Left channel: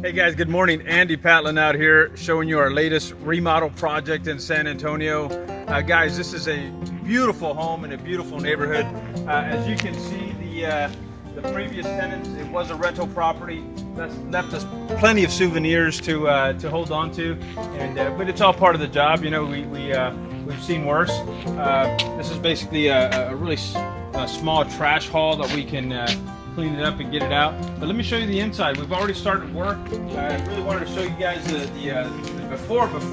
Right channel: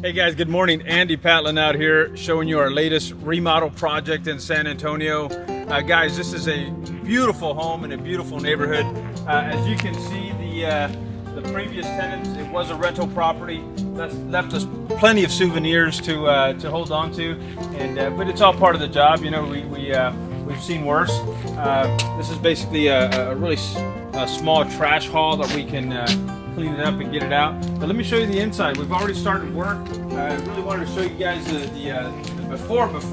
Hey guys, good morning. Andy Patlan out here showing you our latest remodel project in San Antonio. Guys, this is a beautiful home in a beautiful neighborhood. As you can see, the previous tenants, it was a rental property. That's left us plenty of souvenirs to hold on to, but it's all part of the job. You know, we've seen worse. This is basically a really small trash haul that we can clean it up and get it out. But let me show you the inside. We've already started work. I really wanted to show you guys the before, but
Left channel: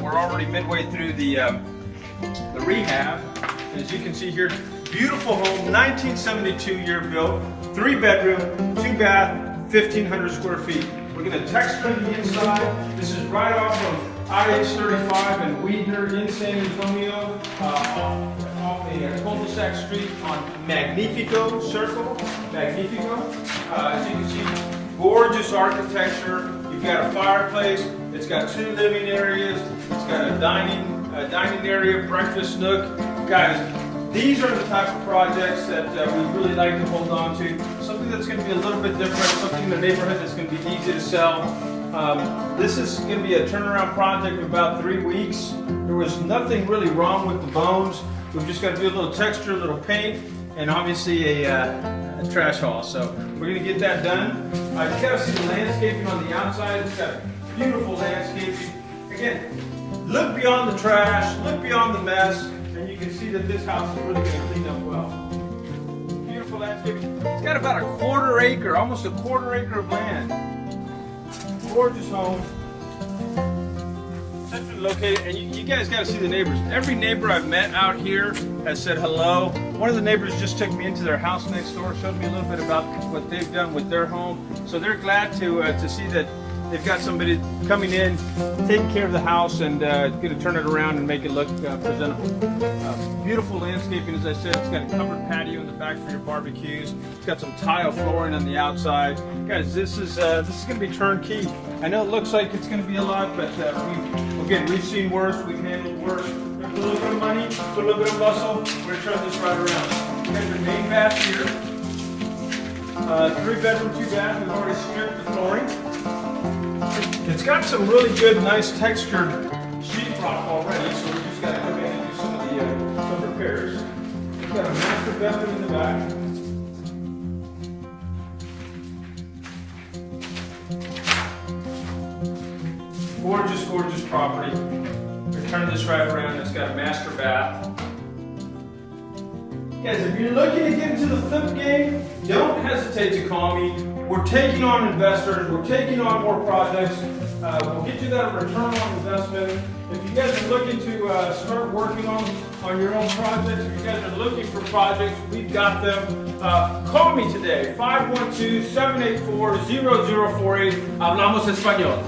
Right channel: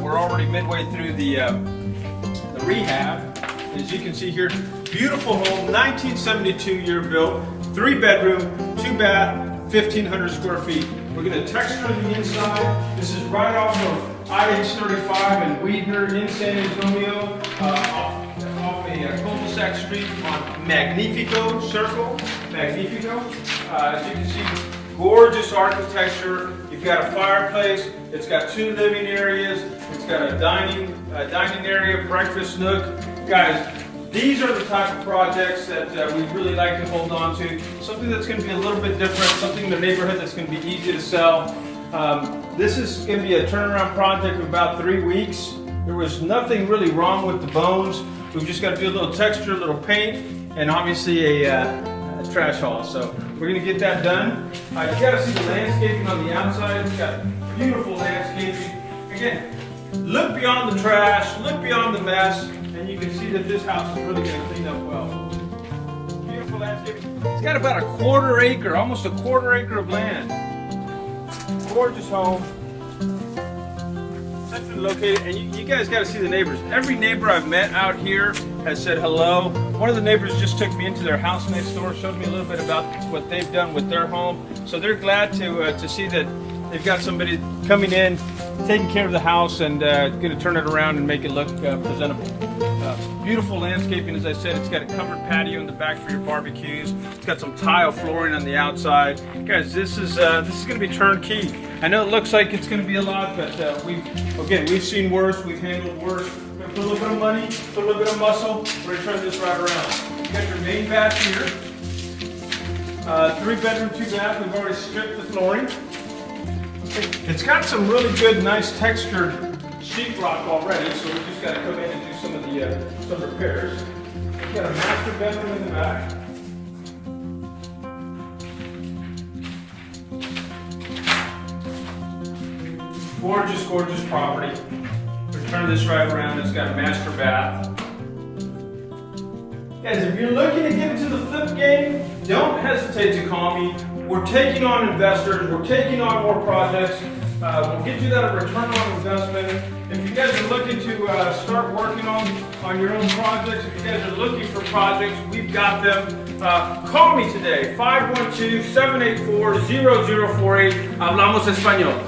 we're already midway through the rehab. As you can see here, beautiful home, 1972 year built, 3-bedroom, 2-bath, 1,500 square feet. We're going to texture the inside. This is right off of IH-35 and Weidner in San Antonio, off a cul-de-sac street on Magnifico Circle. Magnifico. As you can see, gorgeous architecture. You've got a fireplace. It's got 2 living areas. It's got a dining area, breakfast nook. Guys, these are the type of projects that we really like to hold on to. Something that's going to be a little bit different, something in the neighborhood that's going to be easy to sell. This is going to be a turnaround project of about 3 weeks. There was nothing really wrong with the bones. We've just got to do a little texture, a little paint, and obviously a trash haul. So we're going to get that done. You got to see the landscaping on the outside. It's got beautiful landscaping. Again, look beyond the trash, look beyond the mess, and you can see that this house is really going to clean up well. Beautiful landscaping. It's got about a 1/4 acre, almost a 1/4 acre of land. Gorgeous home. Centrally located, and you guys got to see the neighbors. Every neighbor I've met out here has said hello. One of the neighbors just took me into their house next door, showed me a little bit about what they've done with their home. So they're glad to see that they've got somebody coming in, taking care of the house, and going to turn it around and make it look presentable. Beautiful landscaping, as I said. It's got a covered patio in the back for your barbecues. It's got some tile flooring on the outside. Guys, this is going to be turnkey. I know it looks like it's going to be a lot, but we've seen worse. We've handled worse. We're going to put a little bit of money, put a little bit of muscle. We're going to turn this right around. You got your main bath here. 3-bedroom, 2-bath. We've already stripped the flooring. It's got some really good, nice textured sheetrock already, so we just got to come in and do some repairs. We've got a master bedroom in the back. Gorgeous, gorgeous property. We're turning this right around. It's got a master bath. Guys, if you're looking to get into the flip game, don't hesitate to call me. We're taking on investors. We're taking on more projects. We'll get you that return on investment. If you guys are looking to start working on your own projects, if you guys are looking for projects, we've got them. Call me today, 512-784-0048. Hablamos español.